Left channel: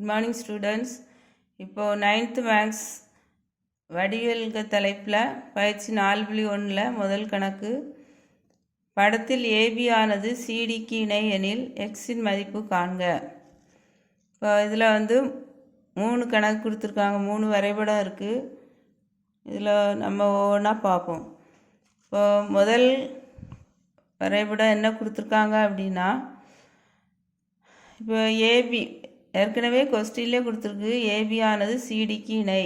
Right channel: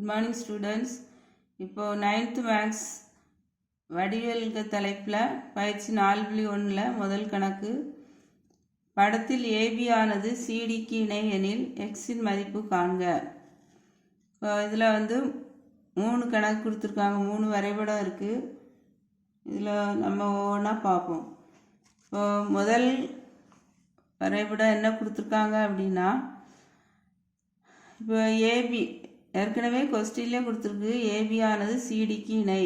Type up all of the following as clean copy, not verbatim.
Good morning students. இப்போது 9th maths வடிவியல் தலைப்பில் பயிற்சி 4.1 முதல் கணக்கு. படத்தில் ஏபி ஆனது சிடிக்கு இணை எனில் எக்ஸின் மதிப்பு காண்க. இப்போ இதில் 3 கணக்கு கொடுத்துருக்காங்க, 3 வரைபடம் இருக்குது. இதில் நம்ம ஒவ்வொன்றா பார்ப்போம். இப்போ முதல் வரைபடம் என்ன கொடுத்துருக்காங்க அப்படின்னா, இப்போ ஏபி ஏற்கனவே கொஸ்டின்லேயே கொடுத்துருக்கு. ஏபி ஆனது சிடிக்கு இணை,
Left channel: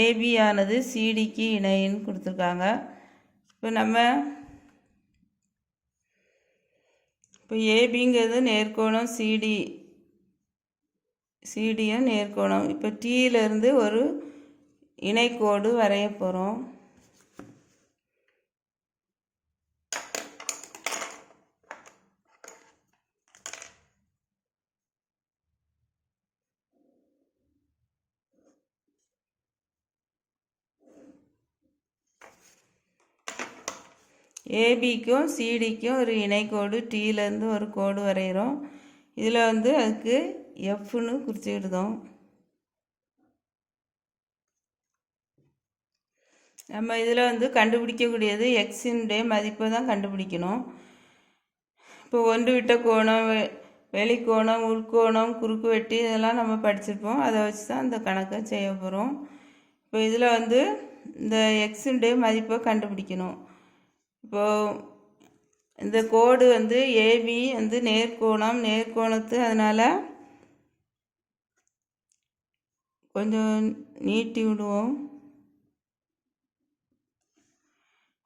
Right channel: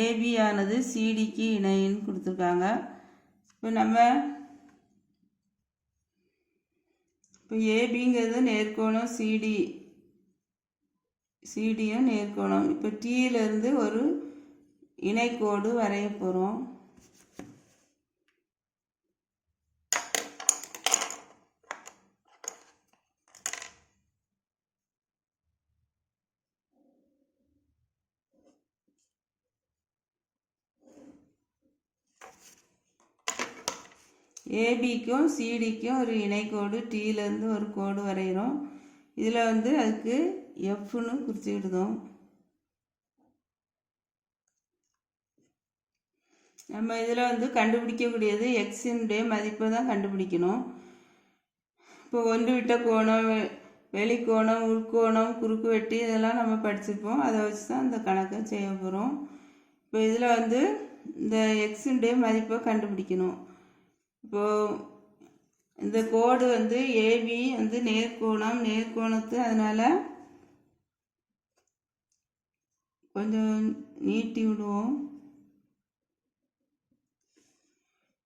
ஏபி ஆனது சிடிக்கு இணைன்னு கொடுத்துருக்காங்க. இப்போ ஏபிங்கிறது நேர்கோணம், சிடியும் நேர்கோணம். இப்போ டீயிலேருந்து ஒரு இணைக்கோடு வரைய போகிறோம். ஏபிக்கும் சிடிக்கும் ஒரு இணைக்கோடு, டீலேருந்து ஒரு கோடு வரைகிறோம். இதில் அதுக்கு எஃப்னு குறிச்சுக்கிடுதோம். நம்ம இதில் கண்டுபிடிக்கக்கூடியது எக்ஸினுடைய மதிப்பை தான் கண்டுபிடிக்கணும். இப்போ ஒன்று விட்ட கோணம், வெளிக்கோணம், உள்கோணம், குறுக்கு வெட்டி இதெல்லாம் நம்ம படிச்சிருப்போம். அதை வச்சு தான் இந்த கணக்கை செய்ய போகிறோம். இப்போ இதில் இந்த எக்ஸினுடைய மதிப்பை கண்டுபிடிக்கணும். இப்போது இந்த கோடு ஏபி நேர்கோணத்து, அதனால் கொஞ்சம் நீட்டி விடுவோம்.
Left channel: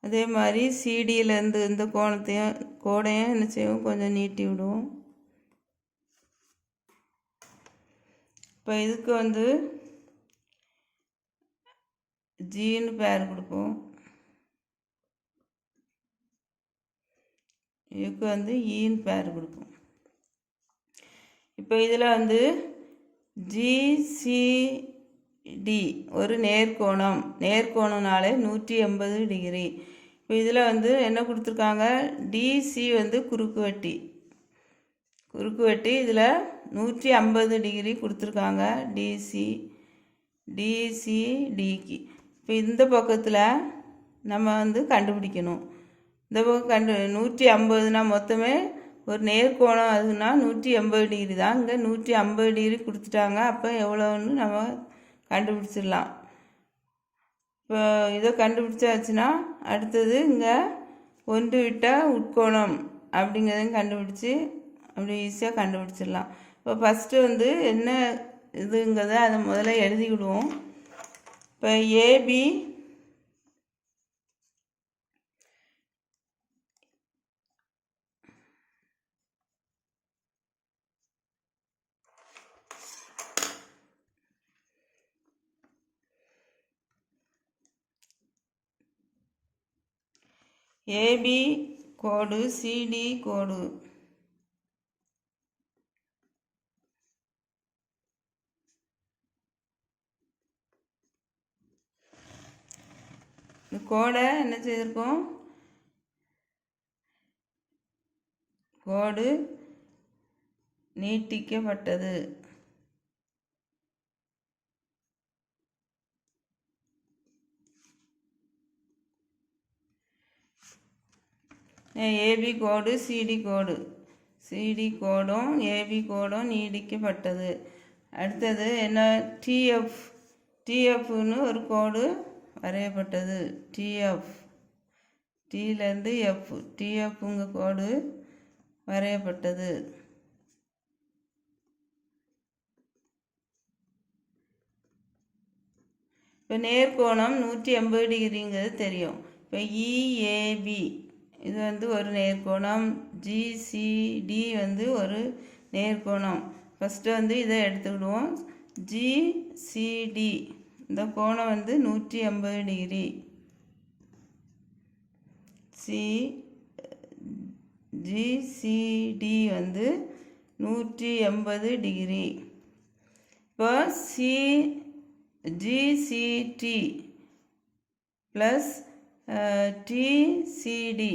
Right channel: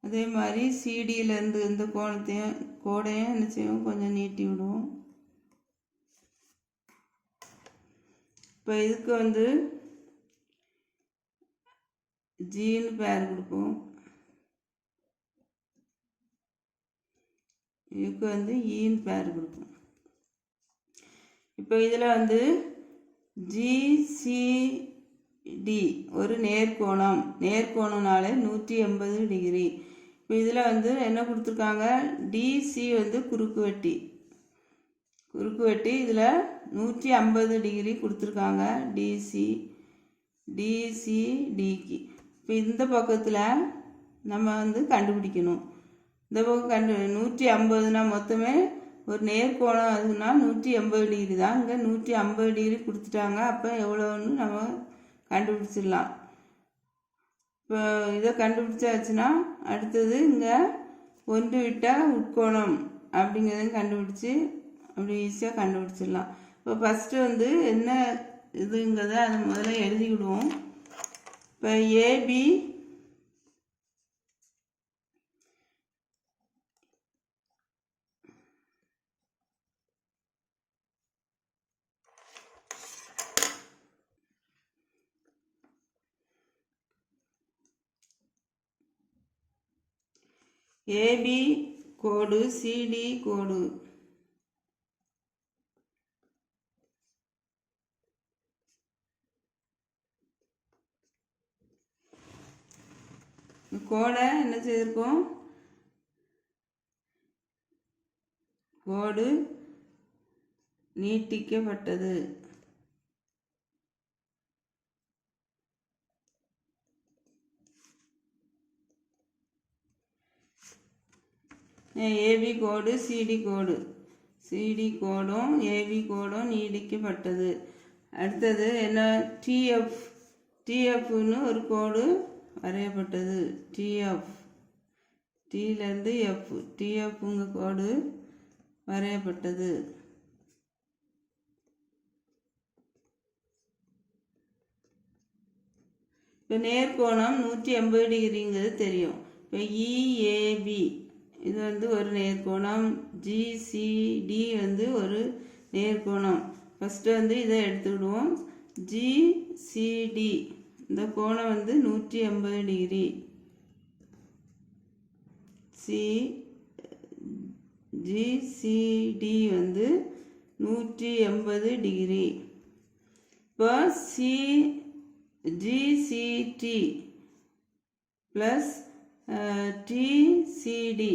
அதே மாதிரி சிடியிலேருந்து இந்த கோடையும் என்ன செய்வோம், கொஞ்சம் நீட்டி விடுவோம். இப்போ இதுக்கு ஜின்னு பேர் கொடுப்போம். இதுக்கு ஈன்னு பேர் கொடுப்போம். இப்போ இதில் ஜிசிடி ஒரு நேர்கோணம்னாலே 180 டிகிரி. இப்போ இதில் என்ன கொடுத்துருக்காங்க, டிசி குறுக்கு வெட்டி இதில் 150 டிகிரி கொடுத்துருக்காங்க. டிசிடிக்கு இப்போ இந்த பக்கத்தில் நம்ம கண்டுபிடிக்கணும். இந்த பக்கம் 150னா மொத்தமே ஒரு நேர்கோணம், அதுனா 180 டிகிரி தான். இங்கே 150 டிகிரி கொடுத்துட்டாங்க. அப்போ எவ்வளோன்னு நம்ம கண்டுபிடிச்சிடலாம். இப்போ இதை கண்டுபிடிச்சாச்சுன்னா அடுத்தது இங்கே ஒன்று விட்டால் உட்கோணம் அப்படிங்கிறதையும் கண்டுபிடிச்சி அப்படி ஈஸியாக கண்டுபிடிச்சிடலாம். இப்போ ஃபஸ்ட்டு என்ன இதுங்கிறத அதை முதல்ல எழுதிக்கிடுவோம். இப்போ ஏபி ஏபி கோடு, சிடி கோடு. கோடை என்ன செய்திருக்கோம், கோடு நீட்டிக்கப்பட்டது. ஏபி கோடு, சிடி கோடும் ஏபி கோடும் நீடிக்கப்பட்டது. அடுத்தது என்ன, டிஎஃப்னு ஒரு கோடு வரையப்பட்டது. டீலேருந்து எஃப், டிஎஃப்ங்க கோடு வரையப்பட்டது. இப்போ நேர்கோணம் 180 டிகிரிங்கிறது தெரியும். இப்போ இஏபி இது ஒரு நேர்கோணம், ஜிசிடி ஒரு நேர்கோணம். ஃபஸ்ட்டு இதை எடுத்துக்கிடுவோம். ஜிசிடி இந்த கோணம் 180 டிகிரி. GCD 180 degree. இப்போ ஜிசிடி ப்ளஸ் டிசிடி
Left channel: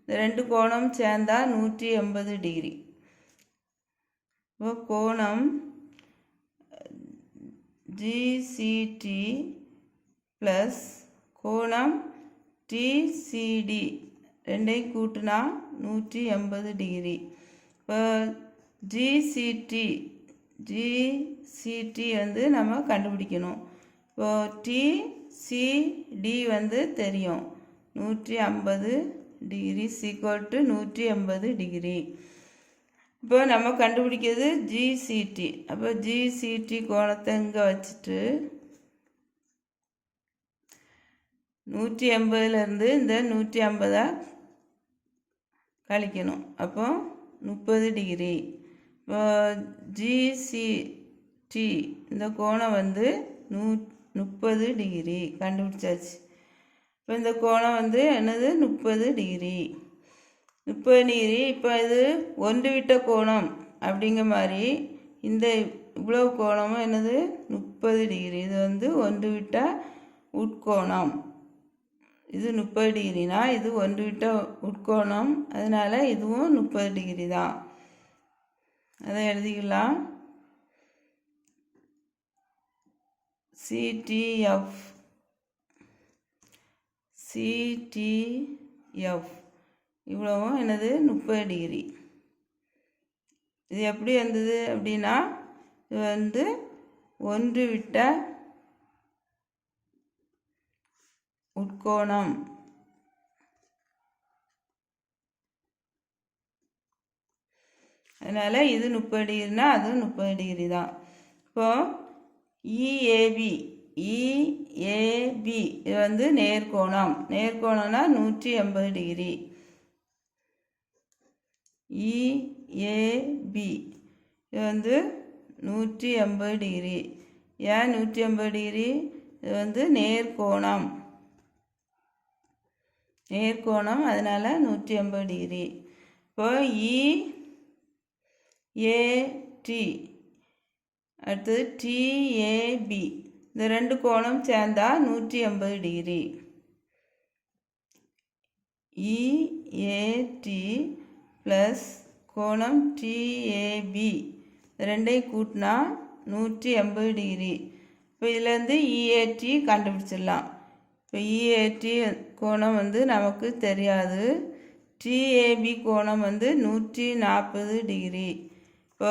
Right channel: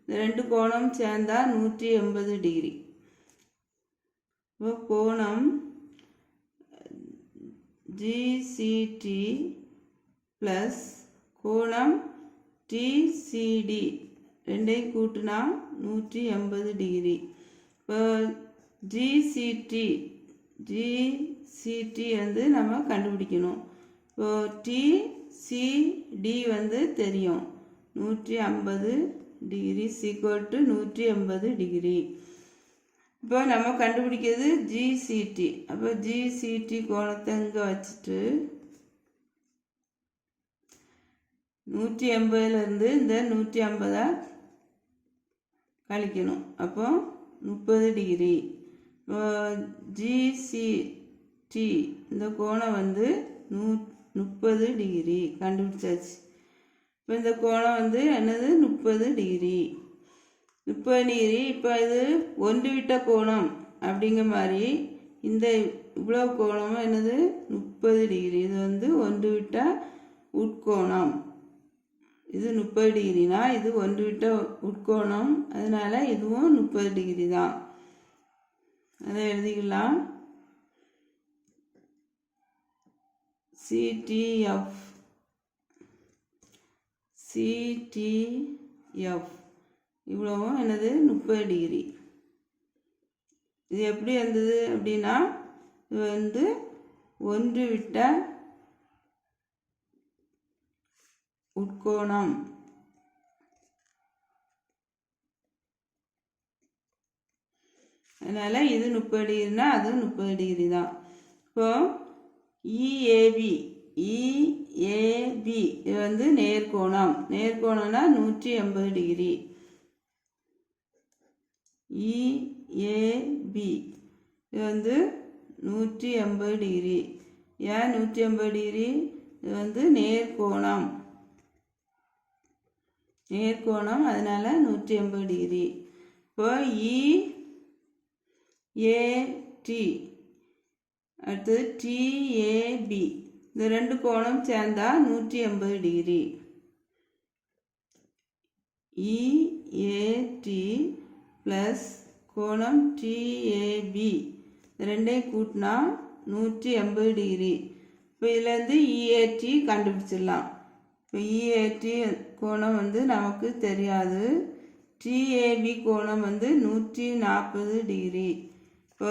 இந்த ரெண்டு கோணம் சேர்ந்தால் 180 டிகிரி. இப்போ கோணம் ஜிசிடி ப்ளஸ் கோணம் டிசிடி ரெண்டையும் கூட்டினா 180 டிகிரி. இப்போ ஜிசிடி வந்து நம்ம கண்டுபிடிக்கணும். இப்போ டிசிடி வந்து தெரியும் 150 டிகிரி = 180 டிகிரி. இப்போ நம்ம கண்டுபிடிக்கிறது ஜிசிடி. அப்போ ஜிசிடி கோணத்தை இங்கே வச்சுட்டு 180லேருந்து இந்த 150 கழிக்கணும். அப்போ 30 டிகிரி. இப்போ ஜிசிடி இந்த கோணம் வந்து 30 டிகிரி கண்டுபிடிச்சாச்சு. இப்போ இந்த கோணம் வந்து என்னது 30 டிகிரி. 30 டிகிரி. இப்போ இது ஒன்று விட்ட கோணம் அப்படிங்கிற மாதிரி இந்த இவ்வளோ கோணமும் என்னது 30 டிகிரி. இது வந்து ஒன்று விட்ட உட்கோணம். இது 30 டிகிரினா இது ஒன்று விட்ட உட்கோணம், அதனால இதுவும் 30 டிகிரி தான். அதை எழுதிக்கலாம். சிடிஎஃப் இவ்வளவும் என்னது 30 டிகிரி. இது எப்படி வந்தது அப்படின்னா இது வந்து ஒன்று விட்ட உட்கோணம். அதனால இது 30 டிகிரினா அது 30 டிகிரி தான். இப்போ இஏபி இது வந்து நேர்கோணம். நேர்கோணம்னா 180 டிகிரி. இஏபி இது வந்து 180 டிகிரி. ஏன் 180 டிகிரி? இது வந்து நேர்கோணம். அதனால 180 டிகிரி. இப்போ இஏடி அடுத்தது டிஏபி இந்த ரெண்டு கோணம் சேர்ந்தா 180 டிகிரி. இஏடி ப்ளஸ் கோணம் டிஏபி ரெண்டையும் கூட்டினா 180 டிகிரி. இப்போ இதுலேருந்து இஏடி கண்டுபிடிச்சிடலாம். இப்போ இஏடி கோணம் வந்து நமக்கு தெரியாது. டிஏபி கோணம் வந்து 140 டிகிரி. இப்போ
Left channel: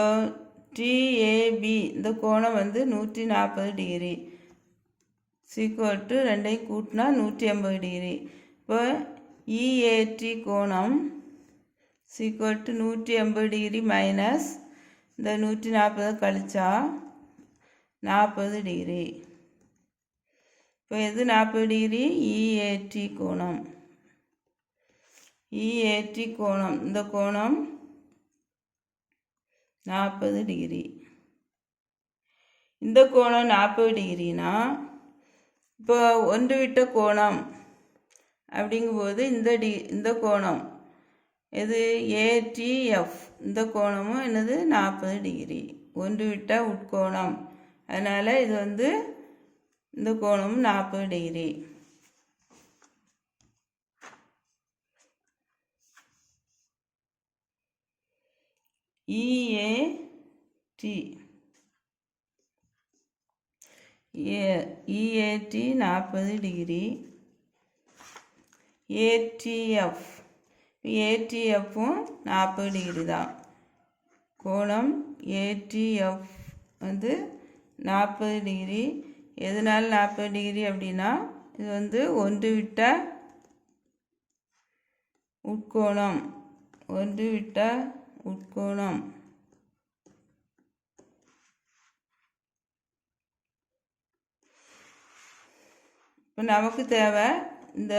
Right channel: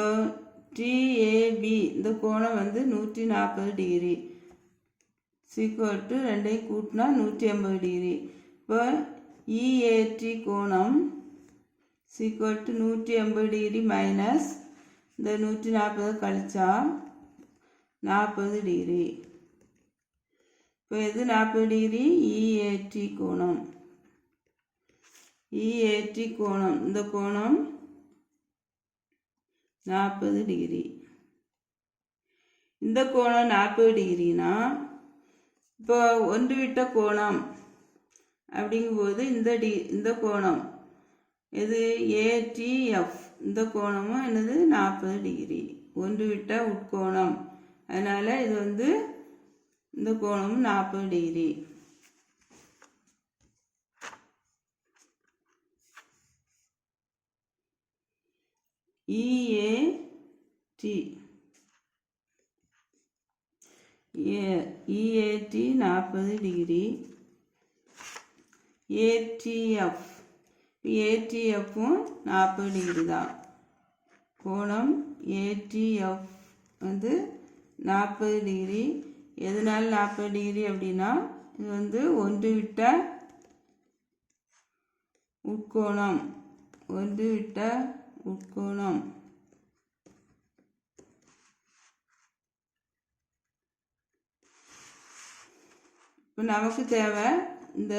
டிஏபி இந்த கோணம் வந்து 140 டிகிரி = ரெண்டையும் கூட்டினா 180 டிகிரி. இப்போ இஏடி கோணம் = 180 டிகிரி மைனஸ் இந்த 140 கழிச்சா 40 டிகிரி. இப்போ இது 40 டிகிரி இஏடி கோணம். இந்த கோணம் 40 டிகிரி. இந்த கோணம் 40 டிகிரினா இப்போ ஒன்று விட்ட கோணம் அப்படிங்கும்போது இந்த கோணம் இது ஏடிஎஃப் இந்த கோணமும் என்னது 40 டிகிரி. ஒன்று விட்ட உட்கோணம். அதனால இது வந்து இந்த கோணமும் 40 டிகிரி. EAD 40 degree. ஏடிஎஃப்பும் 40 டிகிரி தான். கோணம் ஏடிஎஃப் வந்து 40 டிகிரி. எதனால 40 டிகிரி அப்படின்னா இது வந்து ஒன்று விட்ட உட்கோணம். இப்போ நமக்கு தேவை இந்த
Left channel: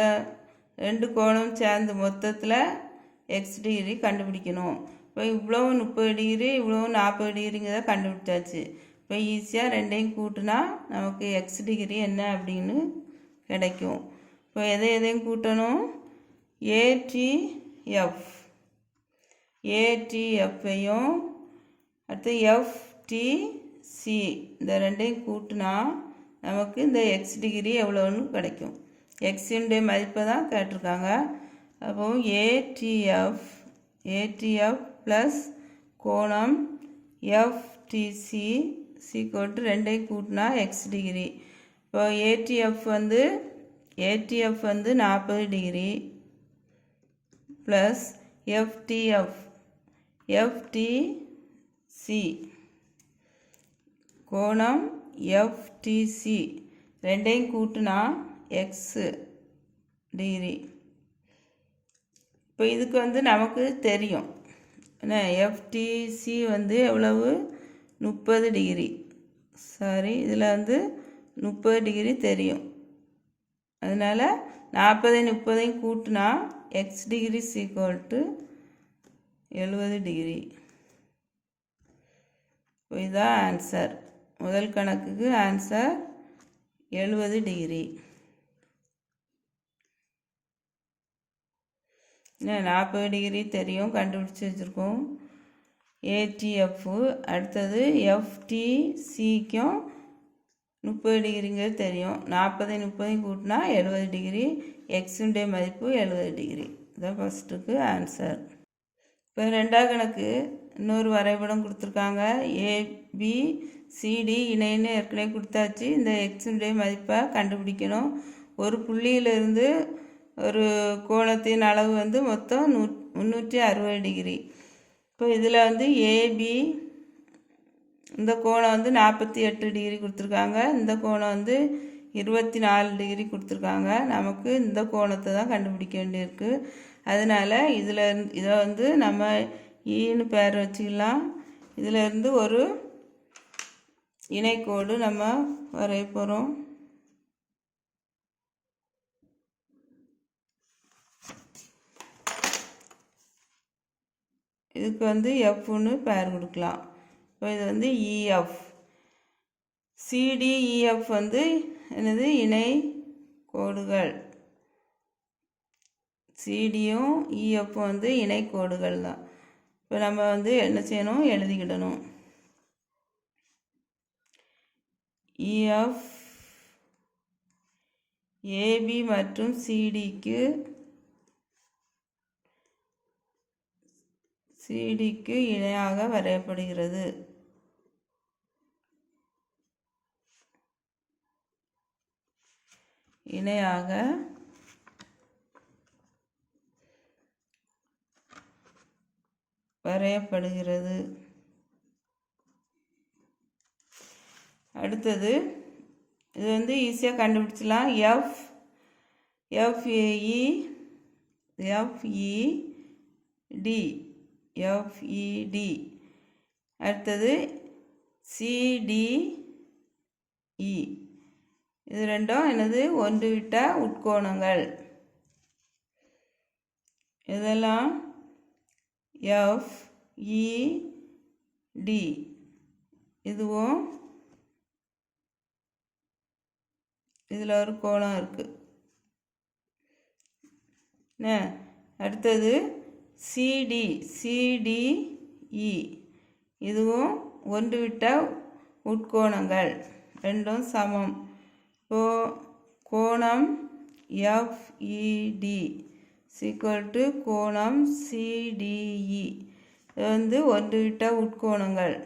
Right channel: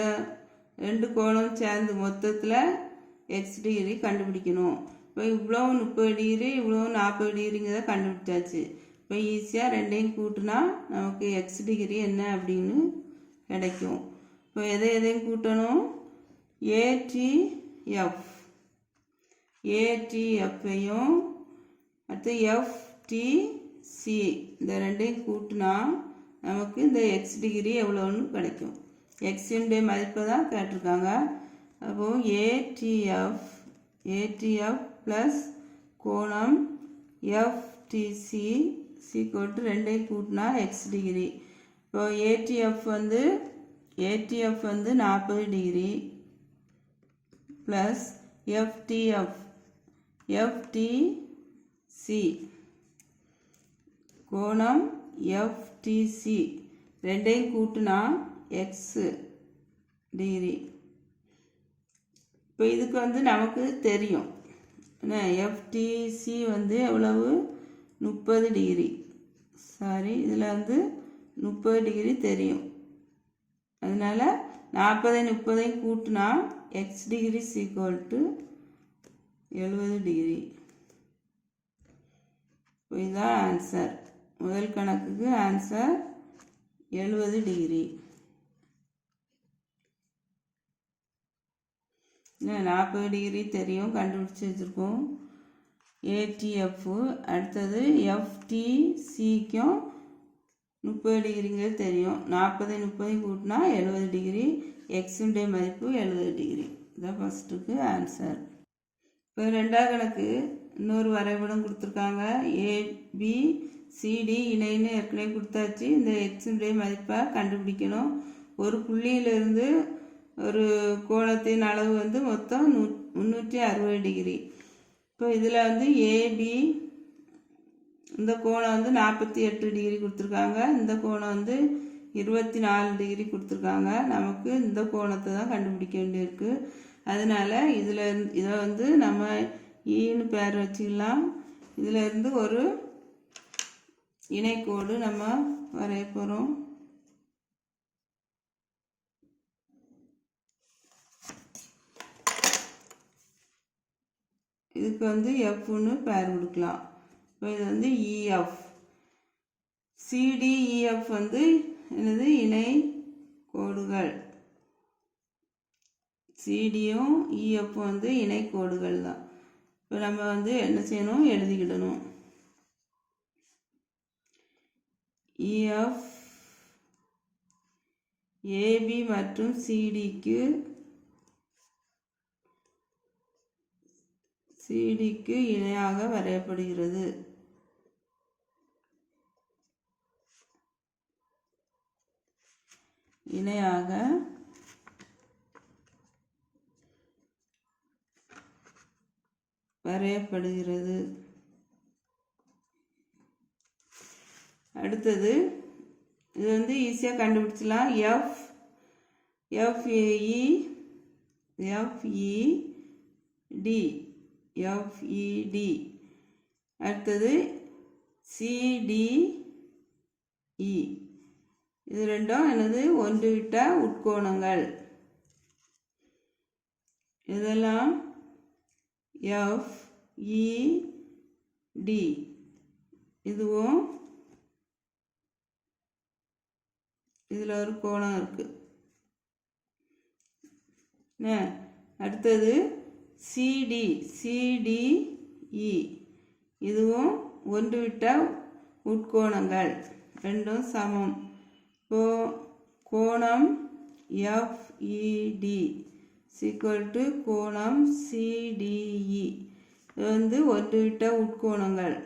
ரெண்டு கோணம் சேர்ந்து மொத்தத்தில் எக்ஸ் டிகிரி கண்டுபிடிக்கணும். இப்போ இவ்வளோ 30 டிகிரி இவ்வளோ 40 டிகிரிங்கிறத கண்டுபிடிச்சாச்சு. இப்போ ஈஸியாக ரெண்டையும் கூட்டினா நமக்கு எக்ஸ் டிகிரி என்ன அப்படின்னு கிடைக்கும். இப்போ எதையும் கூட்டணும்? ஏடிஎஃப்பையும் அடுத்து எஃப்டிசி இந்த ரெண்டையும் கூட்டினா நமக்கு இந்த எக்ஸ் டிகிரி எவ்வளோன்னு கிடைக்கும். எக்ஸினுடைய மதிப்பை தான் கேட்டிருக்காங்க. அப்போ ஏடிஎஃப் ப்ளஸ் கோணம் எஃப்டிசி = ரெண்டையும் கூட்டினா எக்ஸ் டிகிரி. இப்போ ஏடிஎஃப் வந்து 40 டிகிரி ப்ளஸ் எஃப்டிசி கோணம் எஃப்டிசி ரெண்டையும் கூட்டினா எக்ஸ் டிகிரி. இப்போ இதுக்கு வந்து நமக்கு தெரியும் என்ன, எஃப்டிசி வந்து எவ்வளவு 30 டிகிரி. சாரி, இதில் வந்து 30 டிகிரி தெரியும். அதனால் 40 கூட்டினா எக்ஸ் டிகிரி = 70 டிகிரி. இப்போ இதுதான் ஆன்சர். முதல் கணக்குக்கு ஆன்சர் 70 டிகிரி. 40 டிகிரி தெரியும், கண்டுபிடிச்சி வச்சுருக்கோம். ஏடிஎஃப் அடுத்தது எஃப்டிசிக்கும் 30 டிகிரிங்கிறது தெரியும். 40 கூட்டினா 70 டிகிரி. எக்ஸுடைய மதிப்பு 70 டிகிரி. இதுதான் ஃபஸ்ட்டுக்கு ஆன்சர். இப்போ ரெண்டாவது கணக்கு இன்னொரு வரைபடம் கொடுத்துருக்காங்க. ஏபிசிடி இணைன்னு ஏற்கனவே கொடுத்தாச்சு. இந்த எக்ஸுடைய மதிப்பை கண்டுபிடிக்கணும். ஒரு புள்ளியிலிருந்து ஒரு கோணத்தின் அளவு வந்து மொத்தம் 360 டிகிரி. இப்போ இதில் வந்து ஏபி இந்த கோணம் வந்து 48 டிகிரி கொடுத்துருக்காங்க. இந்த கோணம் வந்து 24 டிகிரி கொடுத்துருக்காங்க. நமக்கு இந்த கோணத்தை தான் கண்டுபிடிக்க வேண்டியிருக்கு. அதனால் இதை வந்து நம்ம ஈன்னு பேர் வச்சுக்கலாம். இதிலேருந்து ஒரு இணைக்கோடு நம்ம வரைய போகிறோம். இதுக்கு வந்து எஃப்னு பேர் கொடுக்கலாம். இப்போ இது வந்து இஎஃப். சிடிஇஎஃப் வந்து என்னது, இணை கோடுகள். சிடியும் இஎஃப்பும் வந்து இணை கோடுகள் தான். இப்போ நம்ம வந்து என்ன செய்யணும், எழுதிக்கிடணும். இஎஃப் ஏபி மற்றும் சிடிக்கு இணையாக வரையப்படுகிறது. இணையாக வரையப்படுகிறது. அடுத்தது இது வந்து ஈஸியாக கண்டுபிடிச்சலாம். எஃப்இடி. அடுத்தது சிடிஇ. இது ரெண்டும் என்னது, ஒன்றுவிட்ட உட்கோணங்கள். இதெல்லாம் எஃப்இடி. இதுவும் இதில் ஒரு கோணம் இருக்குது. அடுத்தது சிடிஇ. இதுவும் ஒன்றுவிட்ட உட்கோணங்கள், ரெண்டும் சமம். இப்போ கோணம் எஃப்இடி = கோணம் சிடிஇ. இது வந்து ஒன்றுவிட்ட உட்கோணங்கள்.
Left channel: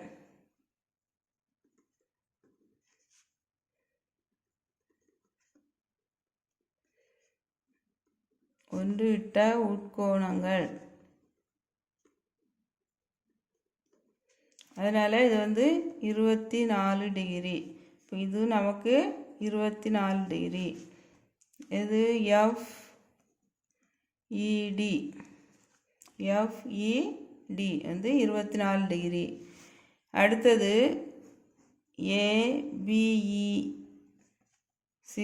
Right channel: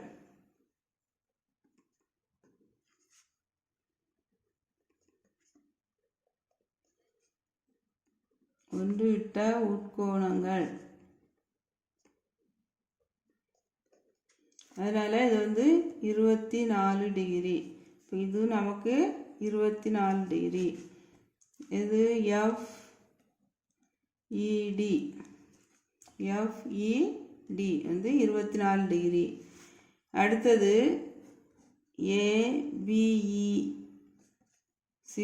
ஒன்றுவிட்ட உட்கோணங்கள். அதனால் இது வந்து 24 டிகிரி. இப்போ இது நமக்கு 24 டிகிரி. இது எஃப்இடி வந்து 24 டிகிரி. அடுத்தது ஏபிஇ =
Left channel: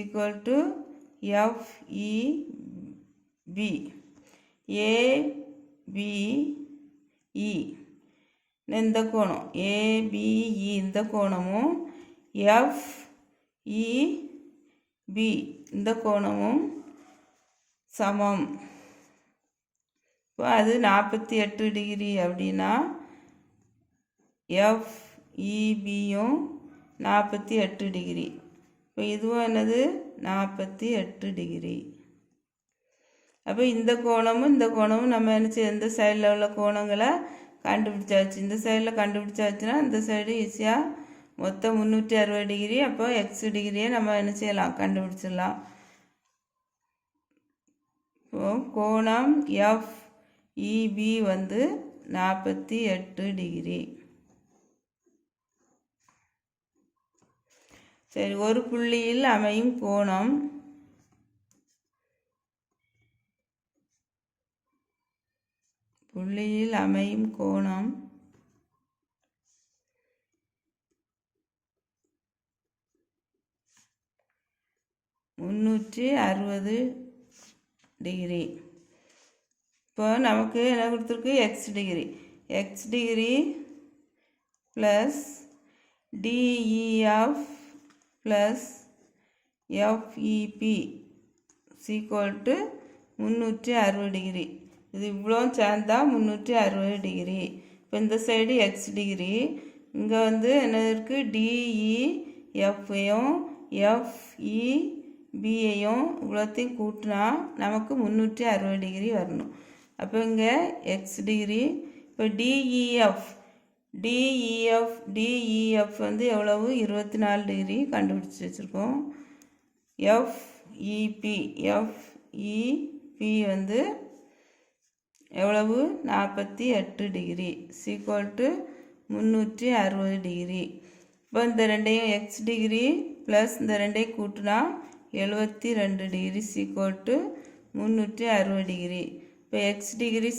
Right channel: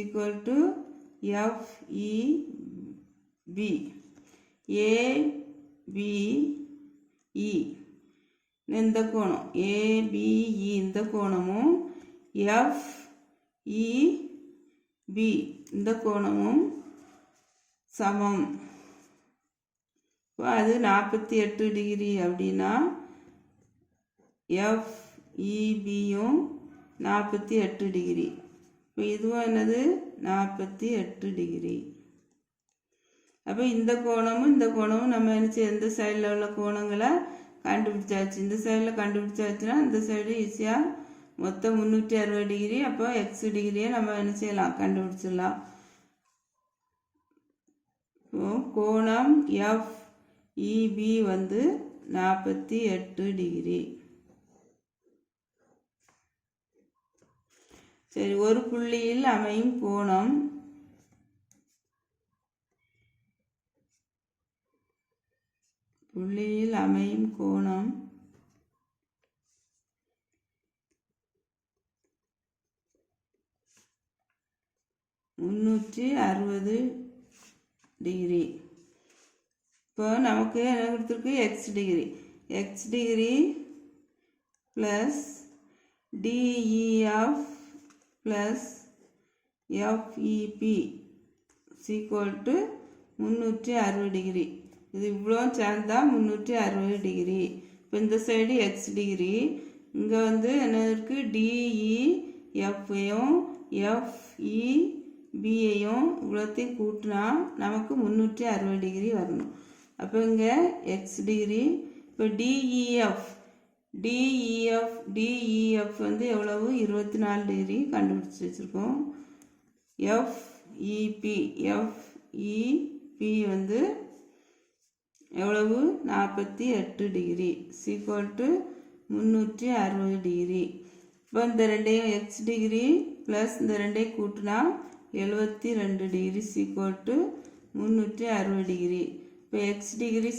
எஃப்இபி. ஏபிஇ இந்த கோணம், ஏபிஇ இந்த கோணமும் எஃப்இபி இந்த கோணமும் சமம். இப்போ அது 48 டிகிரி அப்படின்னா எஃப்இபியும் 48 டிகிரி. இப்போ இதுவும் என்னது, 48 டிகிரி. அப்போ இந்த கோணமும் நம்ம நினச்சி எந்த சைடில் உள்ள கோணங்களை கண்டுபிடிச்சாச்சு. இந்த சைடில் கண்டுபிடிச்சாச்சுன்னா இந்த சைடு ஈஸியாக மொத்தம் 360 டிகிரி. அப்போ எக்ஸ் டிகிரியை நம்ம என்ன செய்யலாம், கண்டுபிடிச்சிடலாம். இப்போ கோணம் எஃப்இபி வந்து 48 டிகிரி. சரி, ஒரு புள்ளியில் அமையும் கோணம் புள்ளியில் அமையும் கோணம் 360 டிகிரி. இப்போ நமக்கு என்ன கொடுத்துருக்கு, x degree plus DEF plus FEB = 360 degree. இது இவ்வளோ சேர்ந்தா 360 டிகிரி. இப்போ இந்த சைடு எக்ஸ் டிகிரி, இங்கே வந்து என்ன இருக்குது, டிஇஎஃப்ஐயும் எஃப்இபியையும் இவ்வளோத்தையும் கூட்டினா நமக்கு 360 டிகிரி வரணும். அப்போ இங்கே எக்ஸ் டிகிரி. இப்போ டிஇஎஃப் வந்து எவ்வளவு, 24 டிகிரி கண்டுபிடிச்சி வச்சுருக்கோம். எஃப்இபி வந்து எவ்வளவு, 48 டிகிரி = 360 டிகிரி. இப்போ இந்த ரெண்டையும் எக்ஸ் டிகிரி ப்ளஸ் இந்த ரெண்டையும் கூட்டினா 72 டிகிரி = 360 டிகிரி. இப்போ எக்ஸ் டிகிரி =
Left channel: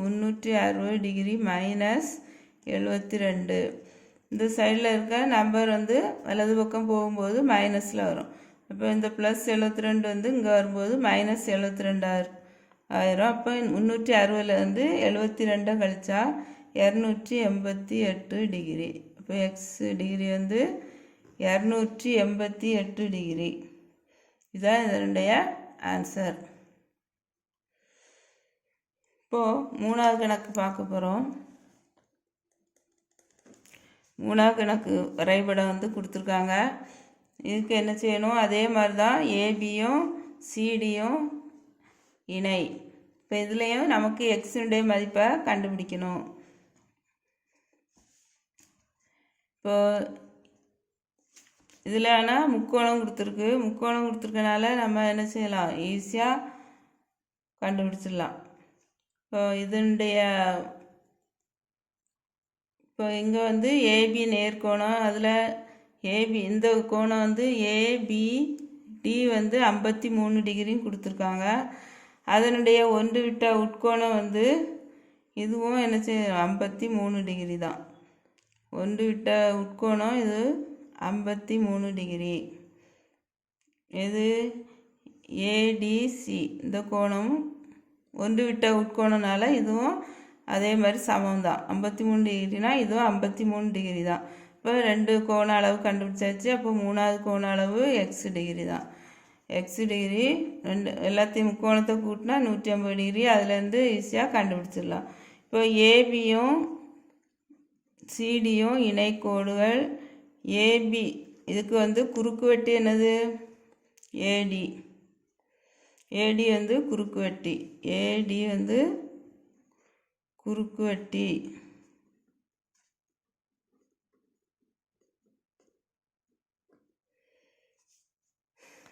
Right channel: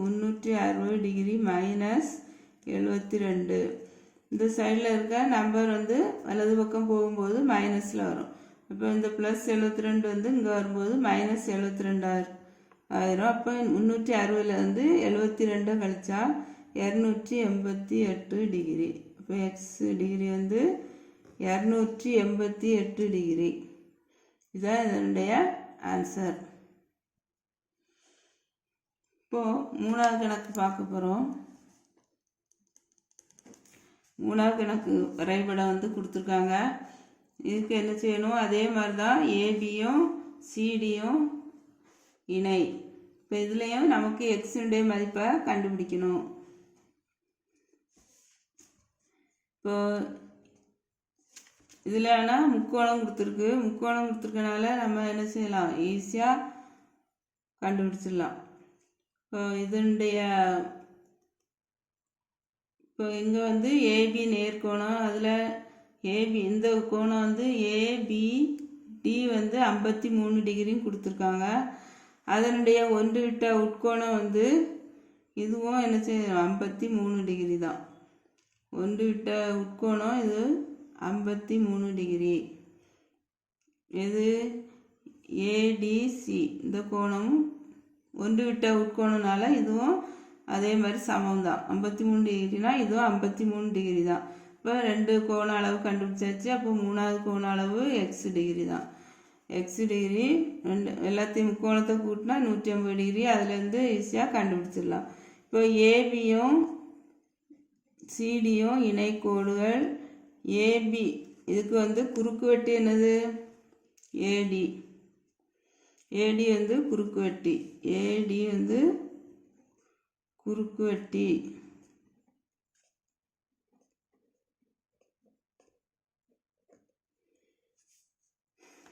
360 டிகிரி மைனஸ் 72. இந்த சைடில் இருக்க நம்பர் வந்து வலது பக்கம் போகும்போது மைனஸில் வரும். இப்போ இந்த ப்ளஸ் 72 வந்து இங்கே வரும்போது மைனஸ் 72 ஆயிரும். அப்போ 360லேருந்து 72 கழிச்சா 288 டிகிரி. இப்போ எக்ஸ் டிகிரி வந்து 288 டிகிரி. இதுதான் இதனுடைய ஆன்சர். இப்போது மூணாவது கணக்கு பார்க்க போகிறோம். மூணாவது கணக்கு வரைபடம் வந்து கொடுத்துருக்காங்க. இதுக்கு என்ன செய்யணும், அதே மாதிரி தான் ஏபியும் சிடியும் இணை. இப்போ இதுலேயும் நமக்கு எக்ஸுடைய மதிப்பை கண்டுபிடிக்கணும். இப்போ இதில் ஆனால் முக்கோணம் கொடுத்துருக்கனால நம்ம என்ன செய்யலாம், ஈஸியாக கண்டுபிடிச்சிடலாம். இப்போ இப்போ இங்கே வந்து ஏபி நேர்கோணம், அதில் ஏபி இந்த கோணம் வந்து ஏபிடி வந்து 53 டிகிரின்னு கொடுத்துருக்காங்க. அதனுடைய ஒன்று விட்ட உட்கோணம் வந்து இதுவும் என்ன செய்ய 53 டிகிரி தான். ஒன்று விட்ட உட்கோணம் இது 53 டிகிரி. இது ஏடிசி இந்த கோணம் ஒன்று விட்ட உட்கோணனால இதுவும் அதே மாதிரி சமம் தான். 53 டிகிரினா இதுவும் 53 டிகிரி தான். இப்போ ரெண்டு கோண அளவு கண்டுபிடிச்சாச்சு. அப்போ மூணாவது கோண அளவு எக்ஸ் டிகிரி தான். எக்ஸ் டிகிரி ரெண்டு எல்லாத்தையும் முக்கோணத்தை கூட்டினா 180 டிகிரி. அதுலேருந்து ஈஸியாக கண்டுபிடிச்சிடலாம். இப்போ ஏபியும் சிடியும் இணைக்கோடுகள். ஏபி இதுக்கு வந்து குறுக்கு வெட்டி என்னது, ஏடி. ஏடி வந்து குறுக்கு வெட்டி. ஏடி வந்து குறுக்கு வெட்டி.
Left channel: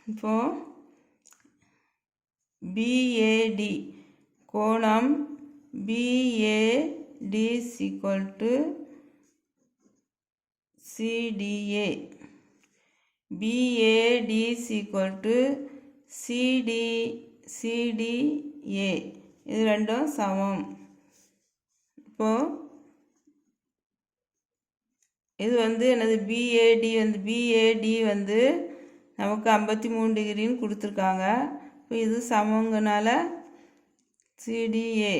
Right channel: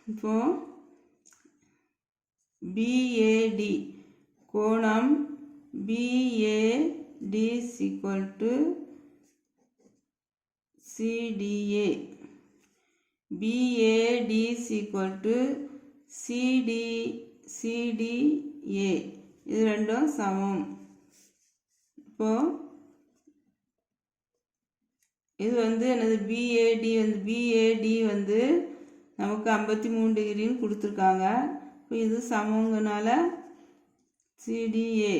இப்போ பிஏடி கோணம் பிஏடி = சிடிஏ. PAT = CTA. இது ரெண்டும் சமம். இப்போ இது வந்து என்னது, பிஏடி வந்து நமக்கு 53 டிகிரின்னு கொடுத்துருக்காங்க. இப்போ இது சமங்கனால சிடிஏ.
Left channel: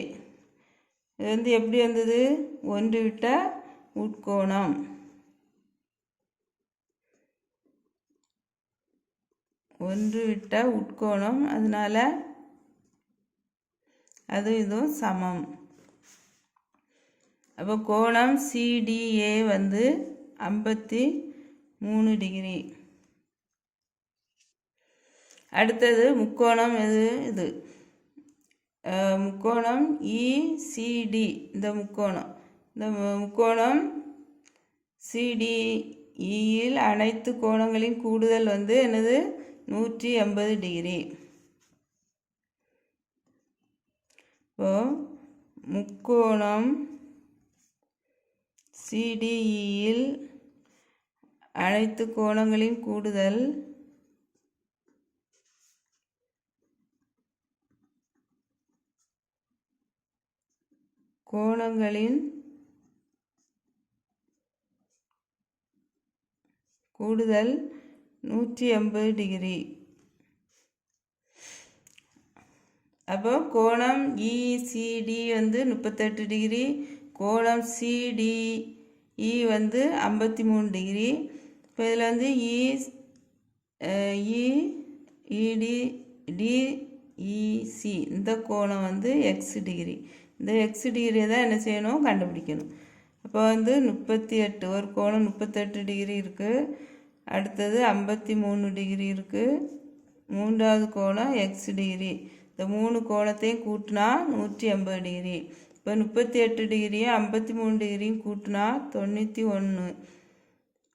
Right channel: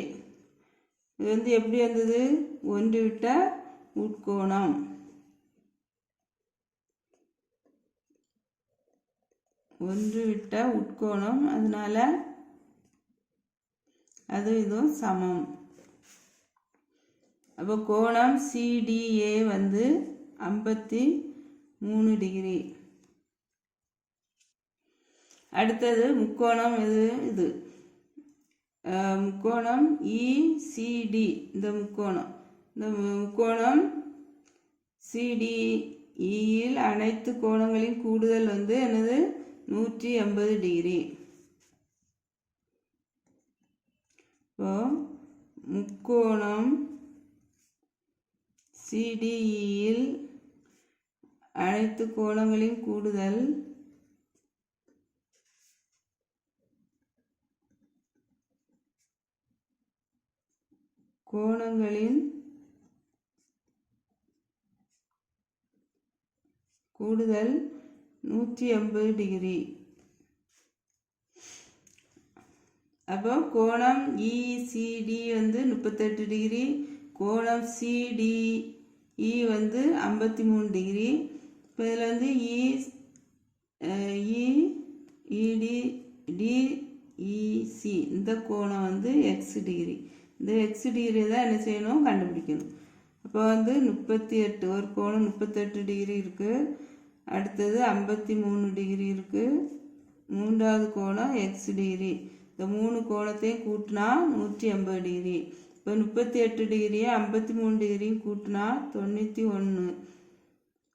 இது வந்து எப்படி வந்தது, ஒன்று விட்ட உட்கோணம். அதனால அது இதுவும் சமம். அப்போ கோணம் சிடிஏ வந்து 53 டிகிரி. அடுத்தது முக்கோணம் இது முக்கோணம் இசிடி. இந்த முக்கோணம் சிடிஇயில் அனைத்து கோணங்களின் கூடுதல் வந்து என்னது 180 டிகிரி. இப்போ முக்கோணம் சிடிஇயில் அனைத்து கோணங்களின் கூடுதல் கோணங்களின் கூடுதல் 180 டிகிரி. அப்போ கோணம் இசிடி வந்து 38 டிகிரி, கோணம் சிடிஇ வந்து 53 டிகிரி. இப்போ இதில் வந்து டிஇசி இந்த கோணம் வந்து எக்ஸ் டிகிரி. இந்த எக்ஸ் டிகிரியை தான் என்ன செய்யணும், கண்டுபிடிக்கணும். அப்போ வந்து 38, ஒரு கோணம் 38 டிகிரி இருக்குது, அடுத்தது 53 டிகிரி இருக்குது, மூன்றாவது கோணம் எக்ஸ் டிகிரி. இந்த 3 கோணத்தையும் கூட்டினா 180 டிகிரி. இப்போ 38 டிகிரியும் 53 டிகிரியும் கூட்டினா 91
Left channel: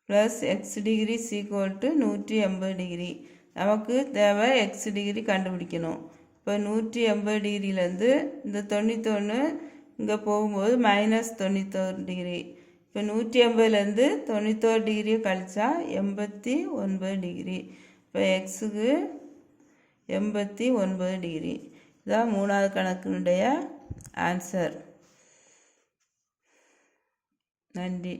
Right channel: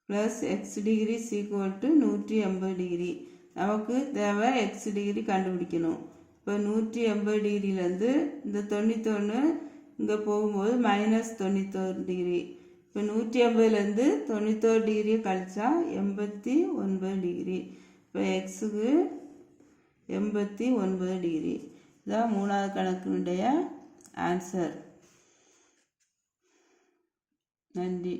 ப்ளஸ் எக்ஸ் டிகிரி = 180 டிகிரி. நமக்கு தேவை எக்ஸ் டிகிரி கண்டுபிடிக்கணும். இப்போ 180 டிகிரியிலேருந்து இந்த 91 இங்கே போகும்போது -91 டிகிரி. இப்போ 180லேருந்து 91 டிகிரியை கழிச்சா 89 டிகிரி. இப்போ எக்ஸுக்கு 89 டிகிரி. இதான் 3வது கணக்கினுடைய ஆன்சர். நன்றி.